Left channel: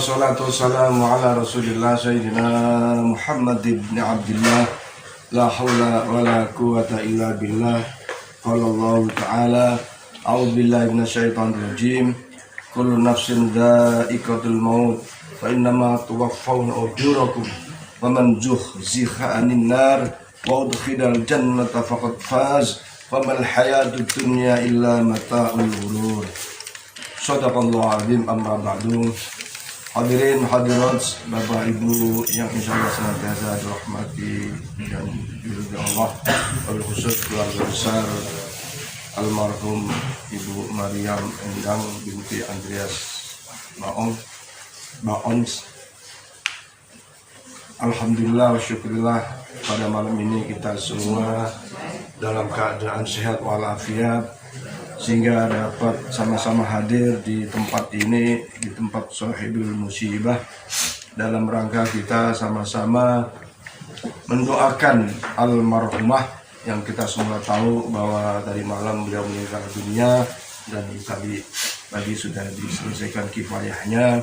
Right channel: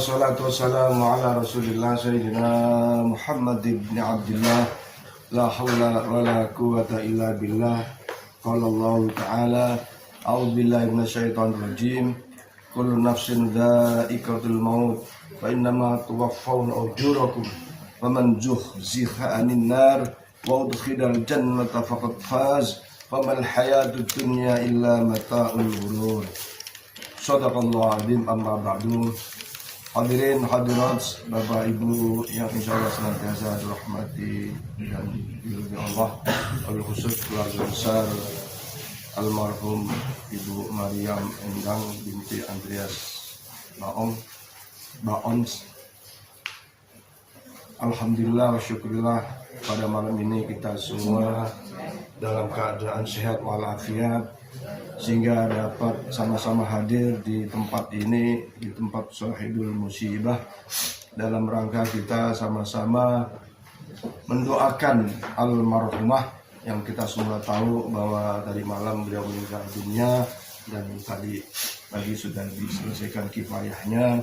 wassalatu wassalamu ala rasulillah sayyidina Muhammad ibn Abdillah. La hawla wa la quwata illa billah. Qala Allah ta'ala, a'udzu billahi minasyaitonir rajim. Kullu nafsin dha'iqatul maut wa innama tuwaffawna ujurakum wa man zuhziha 'anil nar wa udkhilal jannata faqad faz wa mal hayatud dunya illa mata'ul ghurur. Shadaqallahu azim. Amma ba'du. Hadirin hadirat, Bapak Ibu yang insyaallah senantiasa dirahmati dan diridhoi Allah, wabil khusus keluarga besar almarhum Ibu Maryam Endang binti Andreas Baons. Alhamdulillah wa syukurillah, pada malam ini kita semua dalam keadaan sehat walafiat, sehingga dapat sama-sama hadir di tempat ini, di tempat Sahibul Musibah, dalam rangka kita sama-sama mendoakan almarhumah yang kita semua tahu bahwa tadi malam beliau meninggal dunia dan tadi pagi sudah diselesaikan kifayahnya.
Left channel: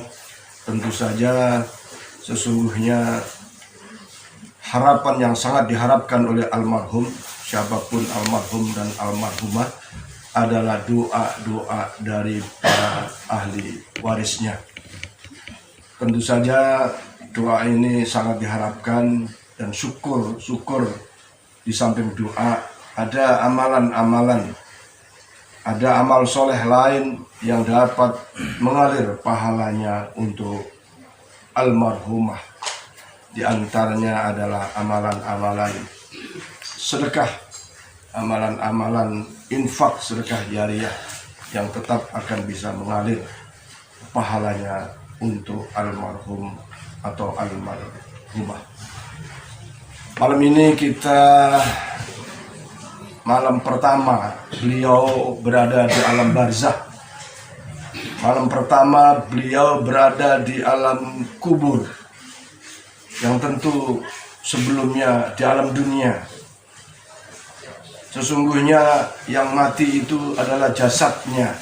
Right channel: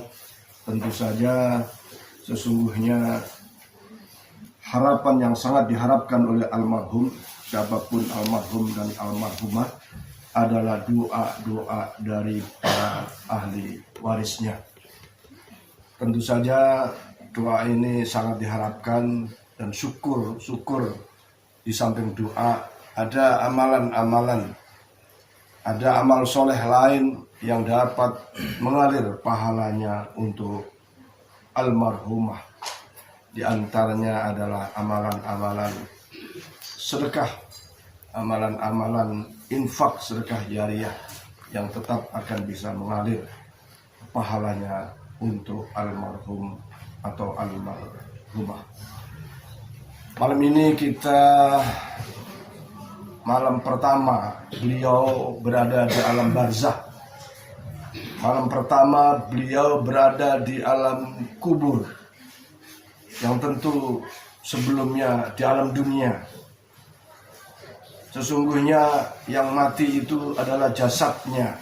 Tentu saja sesungguhnya harapan yang sangat diharapkan oleh almarhum, siapapun almarhum dan almarhumah, adalah doa-doa dari para ahli warisnya. Tentu saja doa ini sangat diharapkan, dan syukur di samping doa ada amalan-amalan, ada amal soleh lain yang dapat mengalir pahalanya untuk almarhumah. Di antaranya adalah amalan-amalan sedekah, amalan-amalan infak sedekah jariyah yang tetap akan bisa mengalir pahalanya untuk almarhum atau almarhumah. Malam ini kita malam pertama beliau berada di alam barzah. Malam pertama beliau berada di alam kubur, yang tentu sebelumnya di alam dunia. Sesungguhnya yang mati itu adalah jasadnya,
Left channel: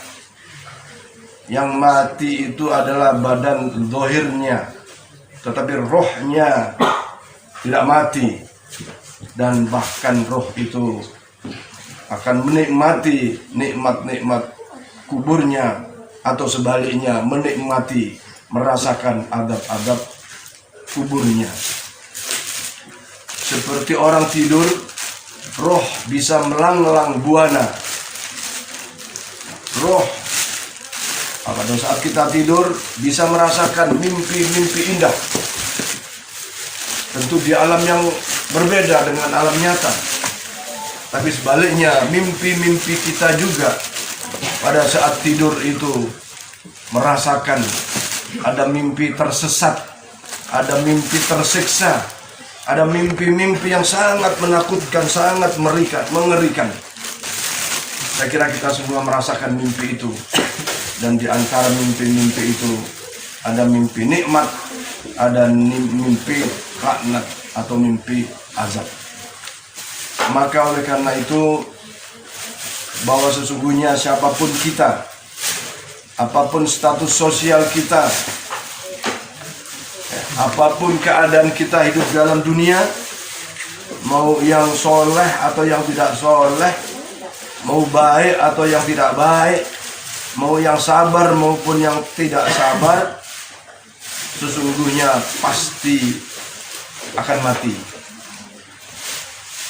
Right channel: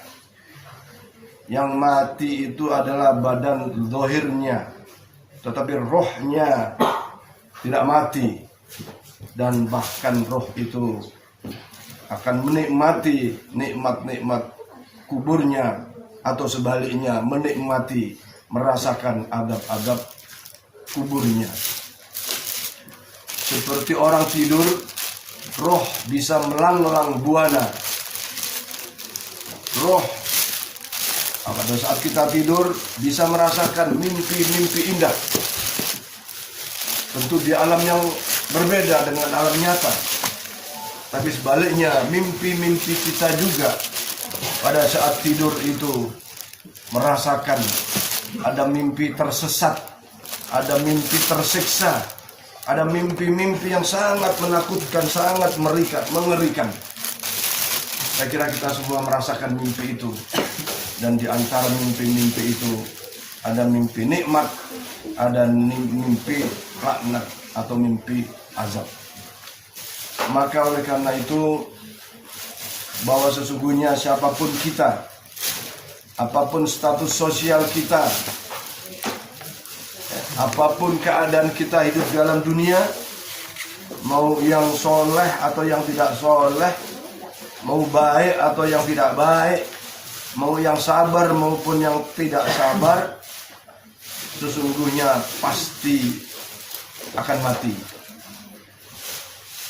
yang mati itu adalah badan zahirnya, tetapi rohnya tidak mati, dan bahkan roh itu akan menikmati nikmat-nikmat kuburnya, atau sebaliknya menikmati, merasakan adab-adab kuburnya. Seperti orang tidur, roh bisa melanglang buana. Roh pada saat kita tidur bisa merasakan mimpi-mimpi indah. Tentu di alam yang berbeda dengan alam nyata. Tapi sebaliknya, mimpi-mimpi kita juga pada saat tidur itu merasakan ada mimpi tersesat, ada mimpi tersiksa, ada mimpi-mimpi yang sangat menakutkan, sangat mengerikan. Saya kira kita semua merasakan mimpi itu. Dan di antara mimpi-mimpi itu ada mimpi nikmat, ada mimpi laknat atau mimpi azab. Maka oleh karena itu, bahwa sesungguhnya siapapun kita, apapun status sosial kita, apapun keadaan kita hidup dalam dunia, mau yang soleh atau yang tidak soleh, mau baik atau yang tidak baik, mau yang sabar maupun yang tidak sabar, sesungguhnya pasti akan mati.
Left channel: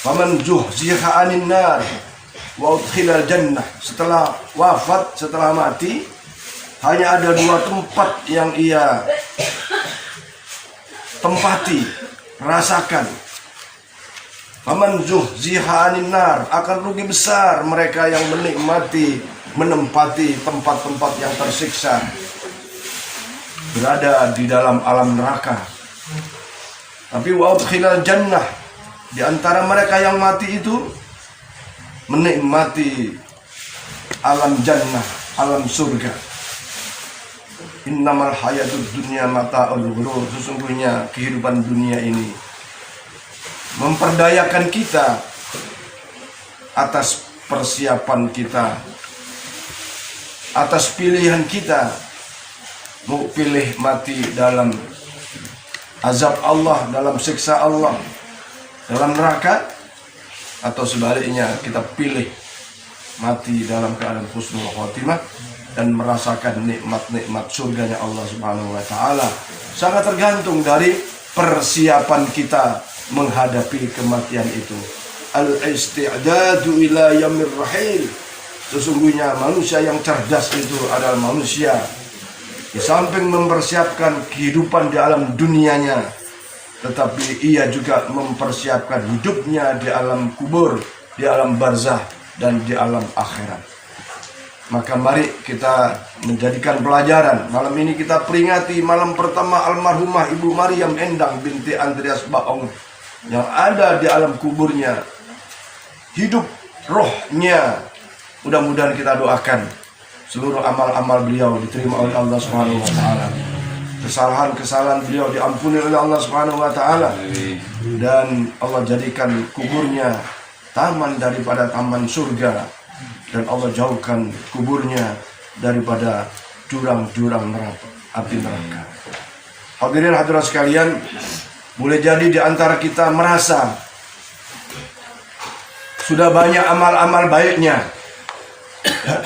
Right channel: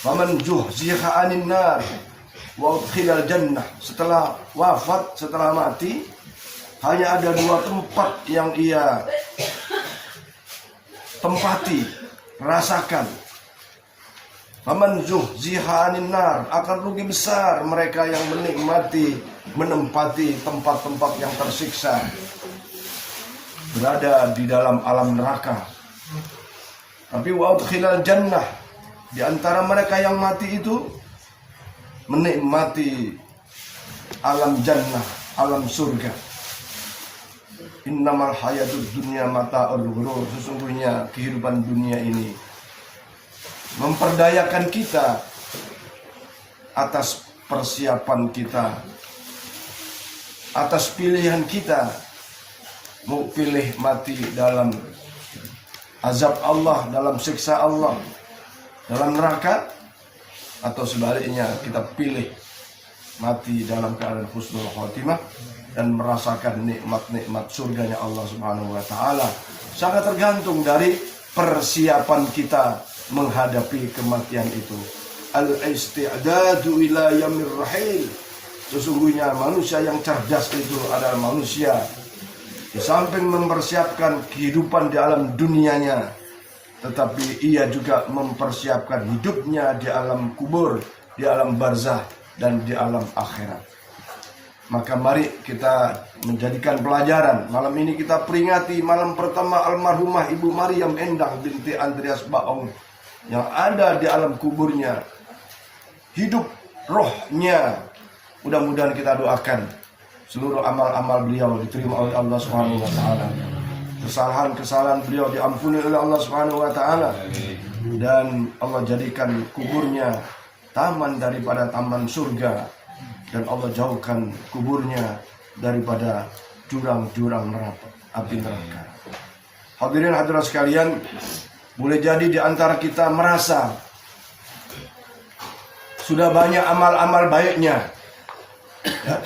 Faman zuhziha 'anil nar wa udkhilal jannah. Setelah wafat, setelah mati, hanya ada dua tempat yang ia tempati, rasakan. Faman zuhziha 'anil nar, akan rugi besar mereka yang menempati tempat-tempat yang tersiksa, berada di dalam alam neraka. Tapi wa udkhilal jannah, di antara mereka yang mati itu menikmati alam jannah, alam surga. Innamal hayatud dunya mata'ul ghurur. Sesungguhnya kehidupan dunia ini memperdayakan kita atas persiapan kita, atas pilihan kita mau pilih mati dalam azab Allah, dalam siksa Allah, dalam neraka, atau sebaliknya kita pilih mati dalam keadaan husnul khotimah dan merasakan nikmat-nikmat surganya Allah Subhanahu wa taala. Sangat tergantung dari persiapan kita menghadapi kematian itu. Al-isti'dadu ila yamir rahil. Sesungguhnya manusia yang cerdas itu adalah manusia di samping mempersiapkan kehidupan di alam dunianya, tetapi ia juga mempersiapkan hidupnya di alam kubur, di alam barzah, dan di alam akhirat. Maka mari kita menjadikan pelajaran. Malam ini kita peringati malam pertama almarhumah Ibu Maryam Endang binti Andreas Baong yang ada di alam kuburnya. Hidup rohnya. Mudah-mudahan kita doakan seluruh amal-amal beliau diterima oleh Allah Subhanahu wa taala. Kesalahan-kesalahan beliau diampuni oleh Allah Subhanahu wa taala. Dan Allah jadikan kuburnya taman daripada taman surga, dan Allah jauhkan kuburnya daripada jurang-jurang neraka, api neraka. Hadirin hadirat sekalian, boleh jadi di antara kita merasa sudah banyak amal-amal baiknya, ya.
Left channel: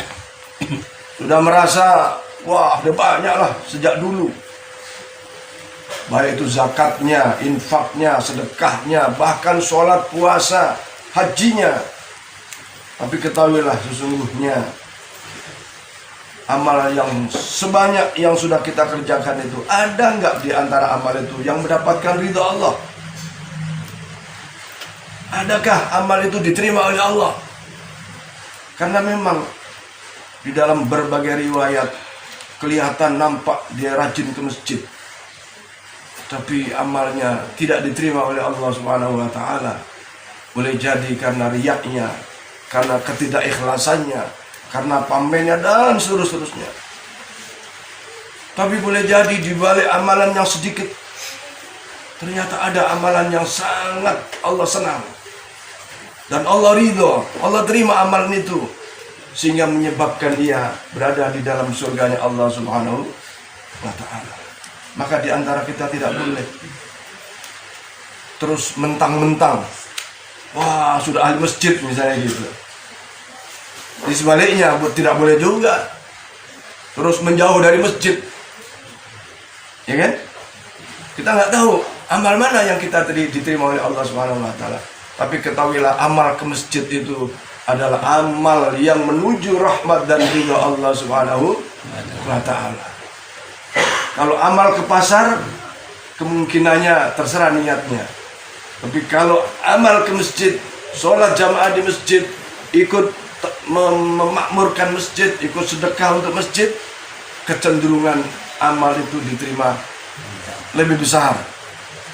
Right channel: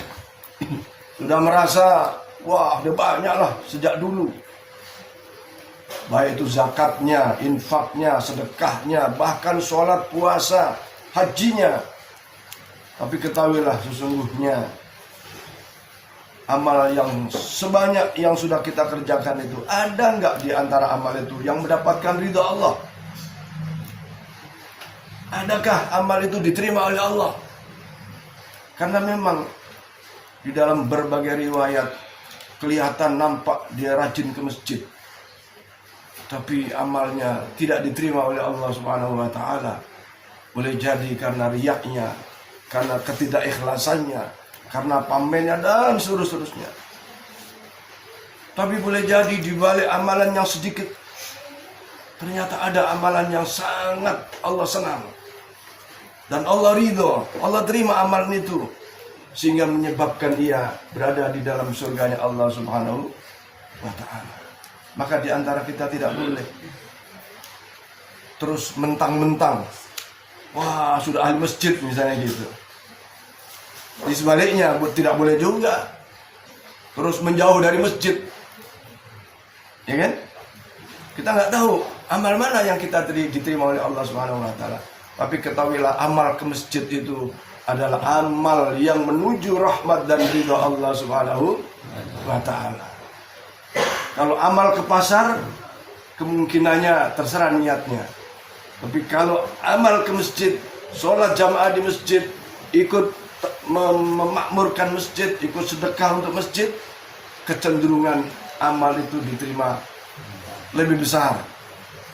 Sudah merasa wah udah banyak lah sejak dulu, baik itu zakatnya, infaknya, sedekahnya, bahkan sholat, puasa, hajinya. Tapi ketahuilah sesungguhnya amal yang sebanyak yang sudah kita kerjakan itu, ada nggak di antara amal itu yang mendapatkan ridha Allah? Adakah amal itu diterima oleh Allah? Karena memang di dalam berbagai riwayat kelihatan nampak dia rajin ke masjid, tapi amalnya tidak diterima oleh Allah Subhanahu wa taala. Boleh jadi karena riyaknya, karena ketidakikhlasannya, karena pamernya dan seterusnya. Tapi boleh jadi di balik amalan yang sedikit, ternyata ada amalan yang sangat Allah senang dan Allah ridho, Allah terima amalan itu, sehingga menyebabkan ia berada di dalam surganya Allah Subhanahu wa taala. Maka di antara kita tidak boleh terus mentang-mentang wah sudah ahli masjid misalnya gitu. Di sebaliknya tidak boleh juga terus menjauh dari masjid, ya kan? Kita nggak tahu amal mana yang kita diterima oleh Allah Subhanahu wa taala. Tapi ketahuilah amal ke masjid itu adalah amal yang menuju rahmat dan ridha Allah Subhanahu wa taala. Kalau amal ke pasar, kemungkinannya terserah niatnya. Tapi kalau amal ke masjid, sholat jamaah di masjid, ikut memakmurkan masjid, ikut sedekah untuk masjid, kecenderungan amal itu diterima lebih besar.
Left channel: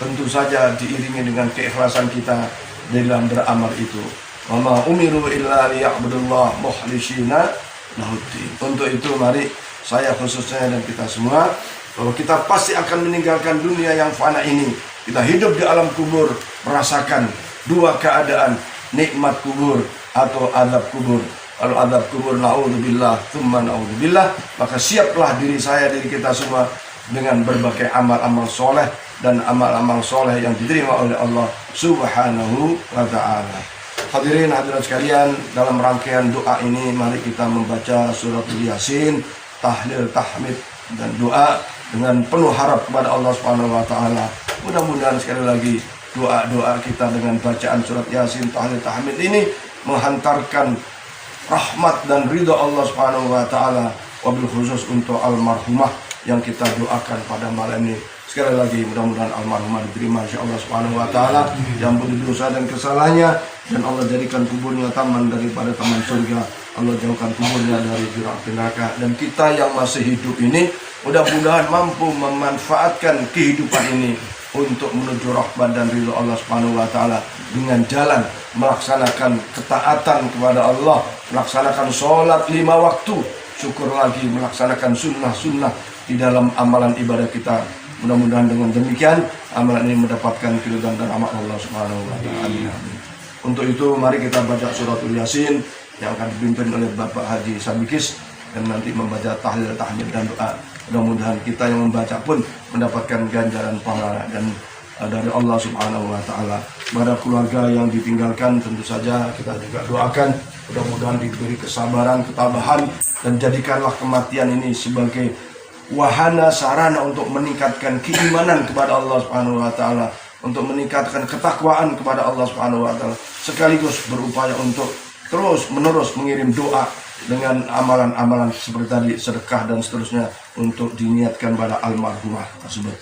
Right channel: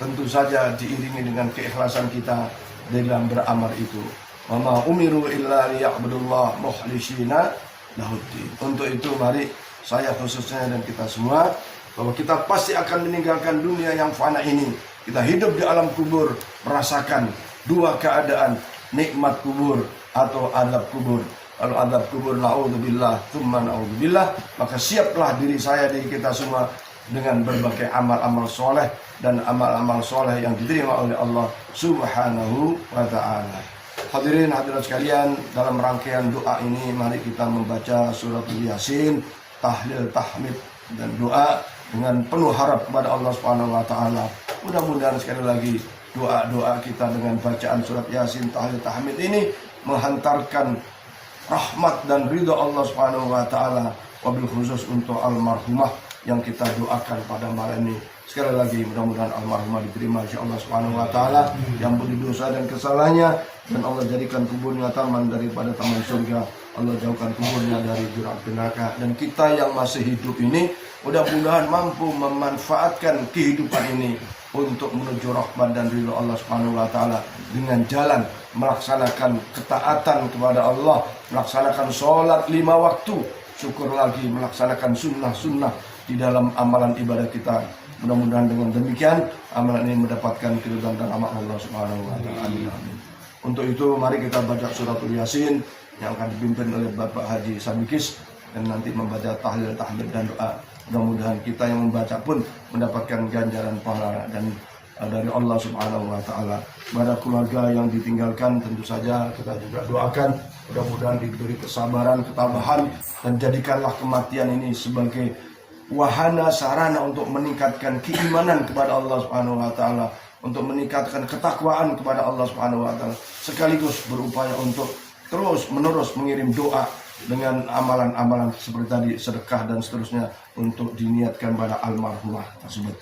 Tentu saja diiringi dengan keikhlasan kita dalam beramal itu. Wa ma umiru illa liya'budullah mukhlishina lahuddin. Untuk itu mari saya khususnya dan kita semua, bahwa kita pasti akan meninggalkan dunia yang fana ini. Kita hidup di alam kubur, merasakan dua keadaan, nikmat kubur atau azab kubur. Kalau azab kubur, na'udzubillah, tsumma na'udzubillah, maka siaplah diri saya, diri kita semua dengan berbagai amal-amal soleh dan amal-amal soleh yang diterima oleh Allah Subhanahu wa ta'ala. Hadirin hadirat sekalian, dalam rangkaian doa ini mari kita membaca surat Yasin, tahlil, tahmid dan doa dengan penuh harap kepada Allah Subhanahu wa taala. Mudah-mudahan sekali lagi doa-doa kita dengan bacaan surat Yasin, tahlil, tahmid ini menghantarkan rahmat dan ridha Allah Subhanahu wa taala, wabil khusus untuk almarhumah yang kita doakan pada malam ini. Sekali lagi mudah-mudahan almarhumah diterima insyaallah Subhanahu wa taala, diampuni dosa dan kesalahannya, dan Allah jadikan kuburnya taman daripada taman surga. Allah jauhkan kuburnya dari jurang neraka, dan kita yang masih hidup ini mudah-mudahan mampu memanfaatkan kehidupan ini untuk menuju rahmat dan ridha Allah Subhanahu wa taala dengan jalan melaksanakan ketaatan kepada Allah, melaksanakan sholat 5 waktu, syukur lagi melaksanakan sunnah-sunnah di dalam amalan ibadah kita. Mudah-mudahan dengan demikian amalan ini mendapatkan keridhaan dan rahmat Allah Subhanahu wa taala. Untuk itu mari kita baca suratul Yasin yang akan dipimpin oleh Bapak Haji Sabikis, dan nanti membaca tahlil, tahmid dan doa. Mudah-mudahan kita yang membaca pun mendapatkan ganjaran pahala dan dari Allah Subhanahu wa Ta'ala. Pada keluarga yang ditinggalkan tentu saja kita juga doakan mudah-mudahan diberi kesabaran, ketabahan, dan jadikanlah kematian ini sebagai wahana sarana untuk meningkatkan keimanan kepada Allah Subhanahu wa Ta'ala, untuk meningkatkan ketakwaan kepada Allah Subhanahu wa Ta'ala, sekaligus berupaya untuk terus menerus mengirim doa dengan amalan-amalan seperti tadi, sedekah dan seterusnya untuk diniatkan pada almarhumah tersebut.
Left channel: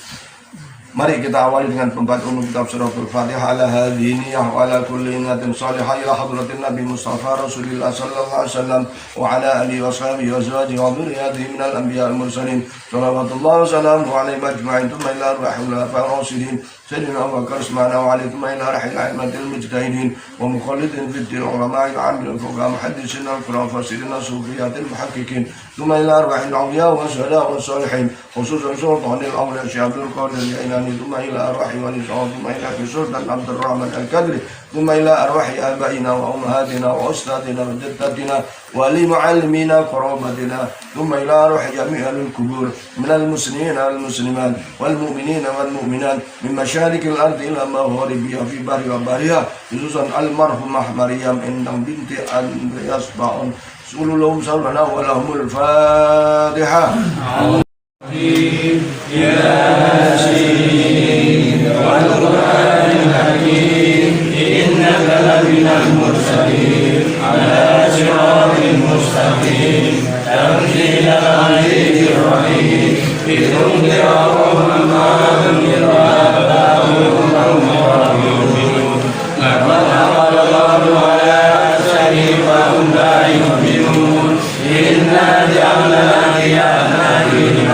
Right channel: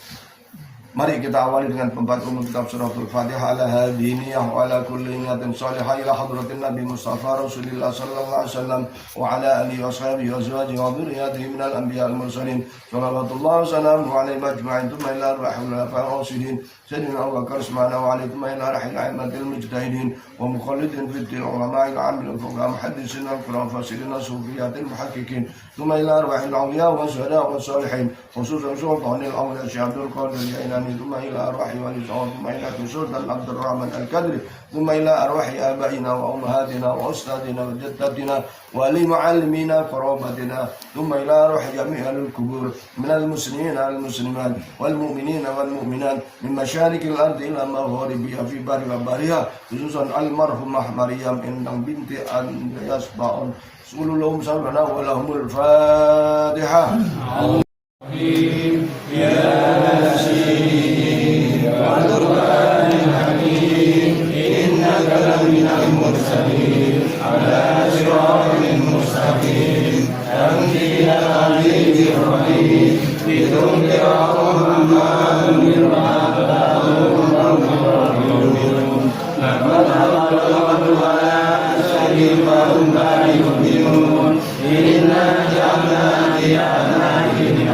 Mari kita awali dengan pembacaan kitab suratul Fatihah ala hadhihi wa ala kulli niyatin salihah ila hadratin Nabi Mustafa Rasulillah sallallahu alaihi wasallam wa ala alihi wa sahbihi wa azwajihi wa dhurriyyatihi minal anbiya wal mursalin sallallahu wa sallamu alaihi majma'in thumma ila arwahil rasulin sayyidina Abu Bakar Usman wa alaihi thumma ila rahil a'immatil mujtahidin wa muqallidin fid din ulama al-'amil fuqaha muhaddisin al-qur'an fasirin sufiyatil muhaqqiqin thumma ila arwahil awliya wa syuhada wa salihin khususan sultanil awliya Syekh Abdul Qadir ثم إلى أرواح ونساء ثم إلى سلطان عبد الرحمن الكدري ثم إلى أرواح آبائنا وأمهاتنا وأستاذنا وجدتنا ولمعلمينا قرابتنا ثم إلى أرواح جميع القبور من المسلمين والمسلمات والمؤمنين والمؤمنات من مشارق الأرض إلى مغاربها في بر وبحرها خصوصا المرحومة مريم إنم بنت أندرياس باون سولوا لهم سولنا ولهم الفاتحة. ياسين والقرآن الحكيم إنك لمن المرسلين على صراط مستقيم تنزيل العزيز الرحيم لتنذر قوما ما أنذر آباؤهم وهم غافلون لقد عمل الله على أكثرهم فهم لا يؤمنون إنا جعلنا في أعناقهم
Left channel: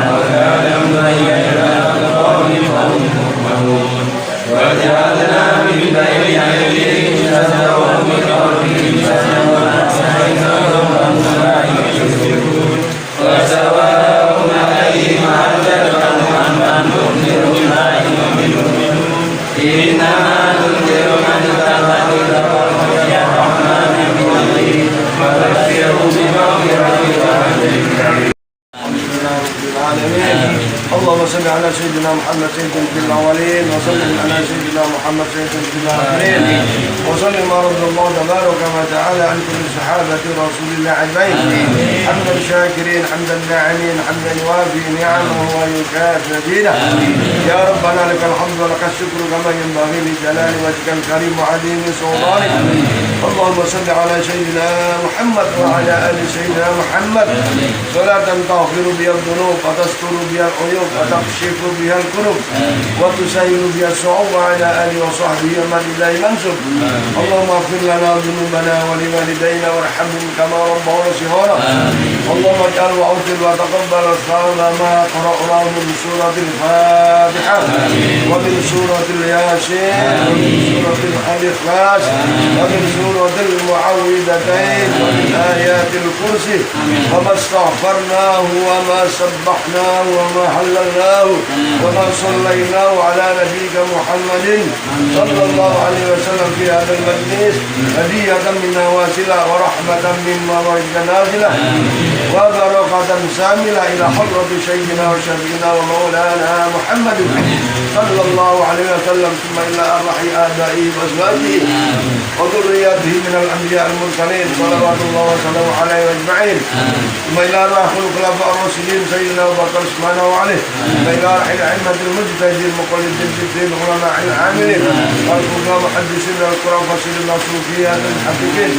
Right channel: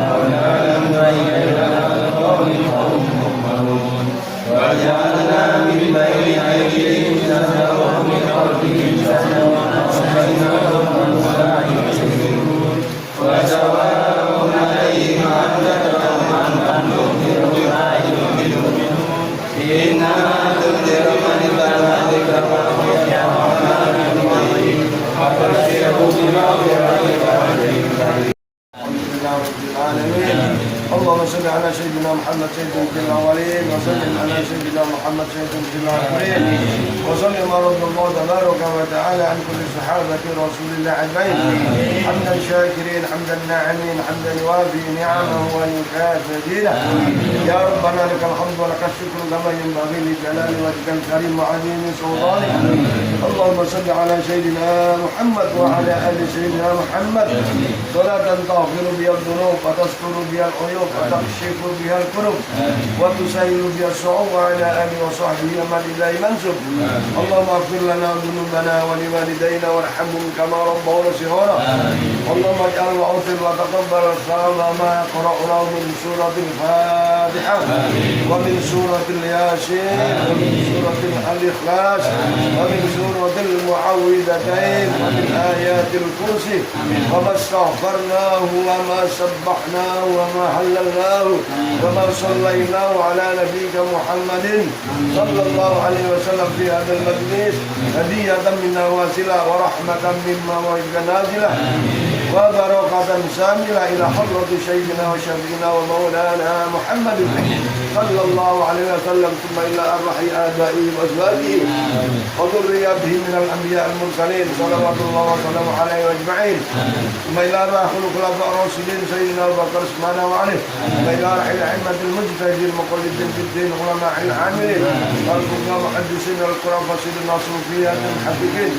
وجعلنا من بين أيديهم سدا ومن خلفهم سدا وأغشيناهم فلا يبصرون وسواء عليهم أنذرتهم أم لم تنذرهم لا يؤمنون إنما تنذر من تمنى وخشي الرحمن بالغيب فبشره بمغفرة وأجر. اللهم صل على سيدنا محمد سيد الأولين وسلم على سيدنا محمد سيد الآخرين وسلم رب الله تبارك وتعالى عن كل صحابة رسول الله أجمعين حمدا الشاكرين حمدا الناعمين حمدا يوافي نعمه ويكافئ مزيده. يا ربنا لك الحمد ولك الشكر كما ينبغي لجلال وجهك الكريم وعظيم سلطانك. اللهم صل على سيدنا محمد وعلى آل سيدنا محمد صلاة تغفر بها الذنوب وتستر بها العيوب وتكشف بها الكروب وتسهل بها الصعوبة على آله وصحبه ومن إليه منسوب. اللهم اغفر لنا ذنوبنا ولوالدينا وارحمهم كما ربونا صغارا. اللهم اجعل وأوتر وتقبل الصوم ما قرأناه من سورة الفاتحة ومن سورة الياسين ومن سورة الإخلاص ومن سورة المعوذتين ومن آيات الكرسي وما استغفرناه وما سبحناه وما حللناه وما صليناه على نبيك محمد صلى الله عليه وسلم في هذا المجلس هدية منا واسلة ورحمة مما ورزقنا نازلة وبركة شاملة إلى حضرة سيدنا وشفينا ومولانا محمد صلى الله عليه وسلم ثم إلى أرواح آبائه وأزواجه وذرياته من الأنبياء المرسلين صلوات الله وسلامه عليه أجمعين ثم إلى أرواح الخلفاء الراشدين سيدنا أبو بكر سبحانه وعليه ثم إلى أرواح الأئمة المجتهدين المقلدين في العلماء العاملين الفقهاء محدثين القرآن فسرين الصوفية المحققين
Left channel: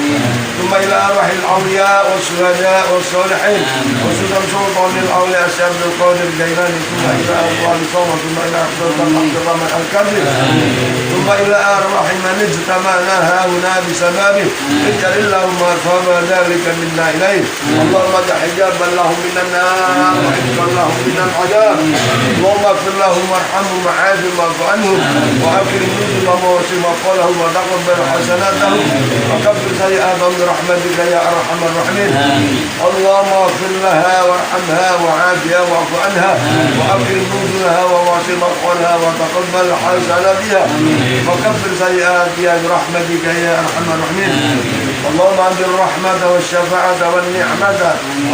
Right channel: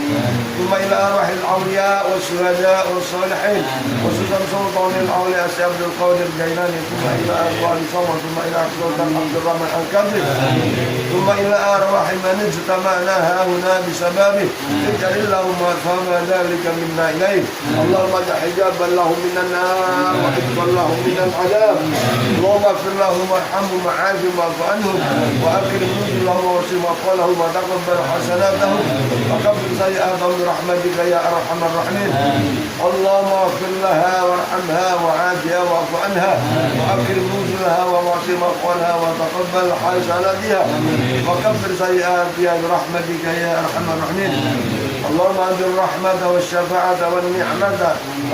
ثم إلى أرواح الأولياء والشهداء والصالحين خصوصا سلطان الأولياء الشيخ عبد القادر الجيلاني ثم إلى أرواح الصمد ثم إلى سلطان عبد الرحمن الكبري ثم إلى أرواح من اجتمعنا هنا بسببه اجعل اللهم ثواب ذلك منا إليه. اللهم اجعل حجابا لهم من النار وحفظا لهم من العذاب. اللهم اغفر لهم وارحمهم وعافهم واعف عنهم وأكرم نزلهم ووسع مقالهم وتقبل حسناتهم وكفر سيئاتهم برحمتك يا أرحم الراحمين. اللهم اغفر لها وارحمها وعافها واعف عنها وأكرم نزلها ووسع مقالها وتقبل حسناتها وكفر سيئاتها برحمتك يا أرحم الراحمين. اللهم أنزل الرحمة والشفاعة والنعمة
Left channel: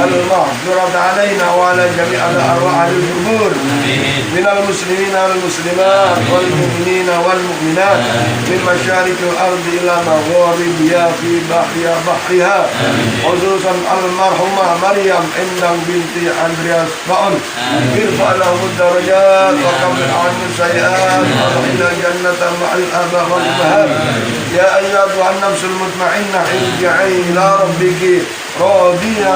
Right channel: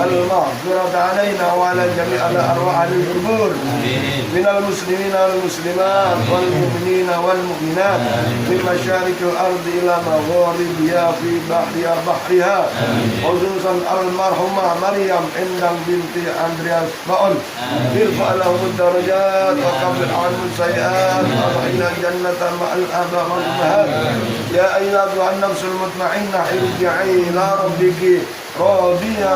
المغفرة علينا وعلى جميع الأرواح القبور من المسلمين والمسلمات والمؤمنين والمؤمنات من مشارق الأرض إلى مغاربها في بحرها خصوصا المرحومة مريم بنت أندرياس بأن ارفع لهم الدرجات وكفر عنهم السيئات وأدخلنا جنة مع الآباء والأمهات. يا أيتها النفس المطمئنة ارجعي إلى ربك راضية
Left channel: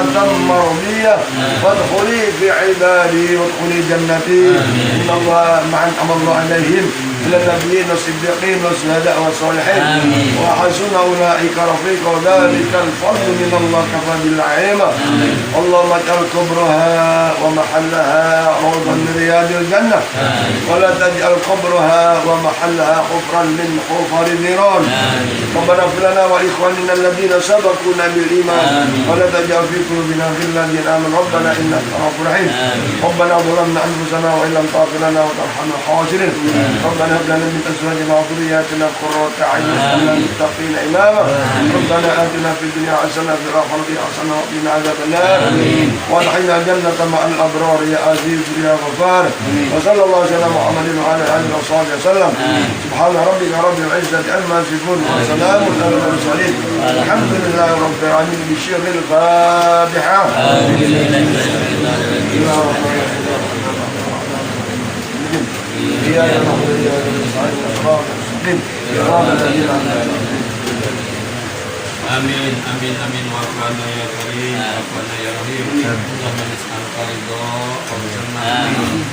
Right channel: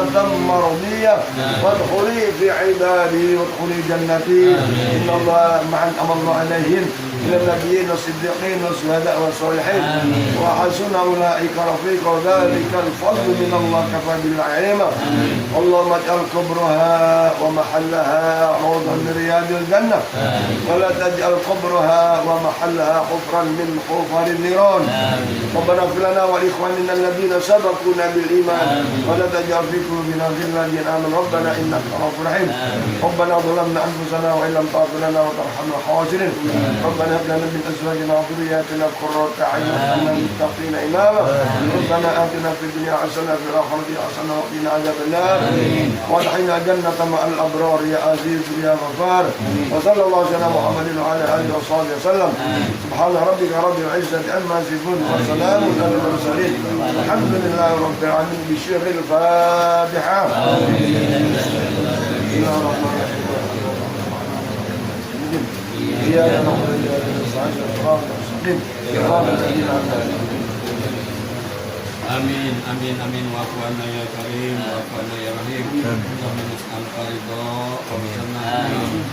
مرضية وادخلي في عبادي وادخلي جنتي إن الله مع أنعم الله عليهم من النبيين والصديقين والشهداء والصالحين وحسن أولئك رفيقا ذلك الفضل من الله كفى بالله عليما. اللهم اجعل قبرها ومحلها روضا من رياض الجنة ولا تجعل قبرها ومحلها حفرا من حفر النيران. ربنا اغفر لنا وإخواننا الذين سبقونا بالإيمان ولا تجعل في قلوبنا غلا للآمن ربنا إنك رؤوف رحيم. ربنا ظلمنا أنفسنا وإن لم تغفر لنا وترحمنا خاسرين. ربنا هب لنا من أزواجنا وذرياتنا قرة أعين واجعلنا للمتقين إماما. ربنا آتنا في الدنيا حسنة وفي الآخرة حسنة وقنا عذاب النار وادخلنا الجنة مع الأبرار يا عزيز يا غفار. وصلى الله على محمد وعلى آله وصحبه وسلم. سبحان ربك رب العزة عما يصفون وسلام على المرسلين الحمد لله رب العالمين. بشر الفاتحة. Amin, amin, amin. Wafana ya karim, wafana ya rahim. Allahumma nas'aluka ridha wa bisanna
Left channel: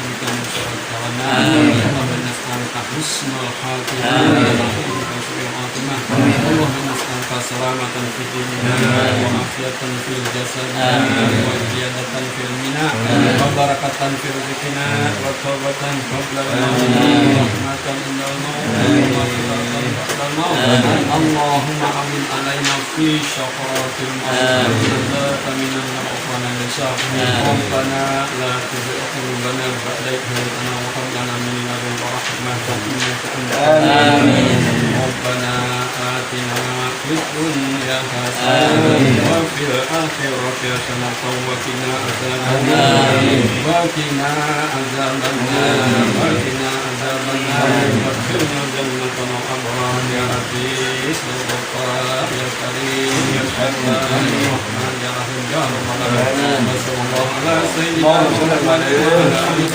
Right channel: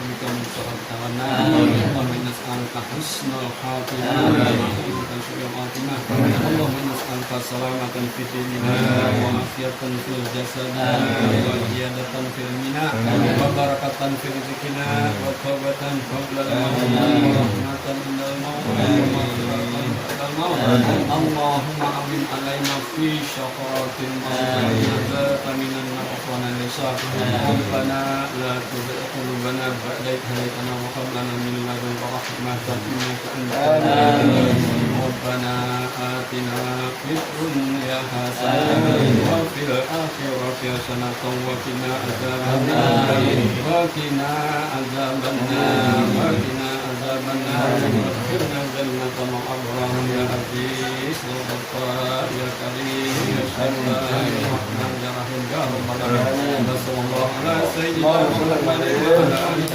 bika min syarri kawana. Allahumma nas'aluka husnal khatimah wa na'udzubika min su'il khatimah. Allahumma nas'aluka salamatan fid dinina wa afiyatan fil jasadina wa ziyadatan fil mina wa barakatan fil rizqina wa tawbatan qabla al-maut wa rahmatan indal maut wa rahmatan ba'da al-maut. Allahumma amin alaina في شقرات الموت نجاة من النار والنساء. ربنا لا تزغ قلوبنا بعد إذ هديتنا وهب لنا من لدنك رحمة إنك أنت الوهاب. ربنا آتنا في الدنيا حسنة وفي الآخرة حسنة وقنا عذاب النار وقنا عذاب النار وقنا عذاب النار وادخلنا الجنة مع الأبرار يا عزيز يا غفار يا كريم يا سلام يا رحمن يا رحيم يا رب العالمين. وصلى الله على سيدنا محمد وعلى آله وصحبه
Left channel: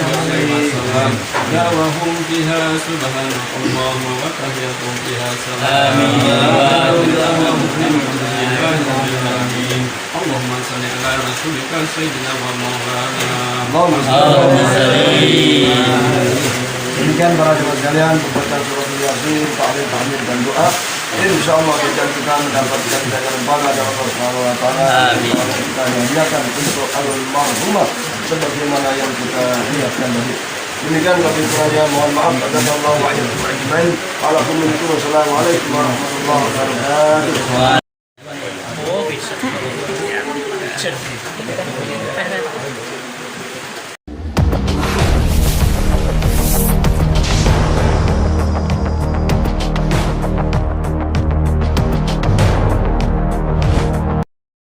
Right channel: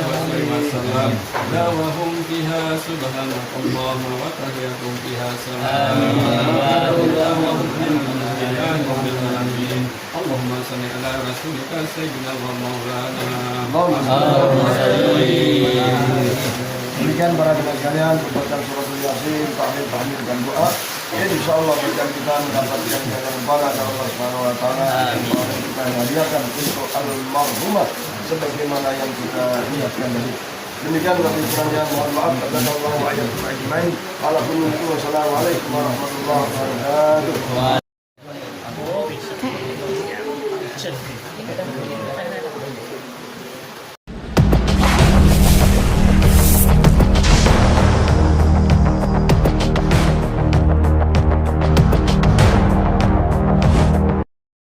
وسلم. دعواهم فيها سبحانك اللهم وتحيتهم فيها سلام. اللهم صل على رسولك سيدنا ومولانا Demikian para jemaah sekalian membaca suratul Yasin, tahmid dan doa. Insya Allah kita mendapatkan ganjaran pahala dari Allah Subhanahu Wa Taala. Kita niatkan untuk al-marhumah sebagaimana yang kita niatkan tadi. Demikian kami saya mohon maaf. Wassalamualaikum warahmatullahi wabarakatuh. Wassalamualaikum warahmatullahi wabarakatuh.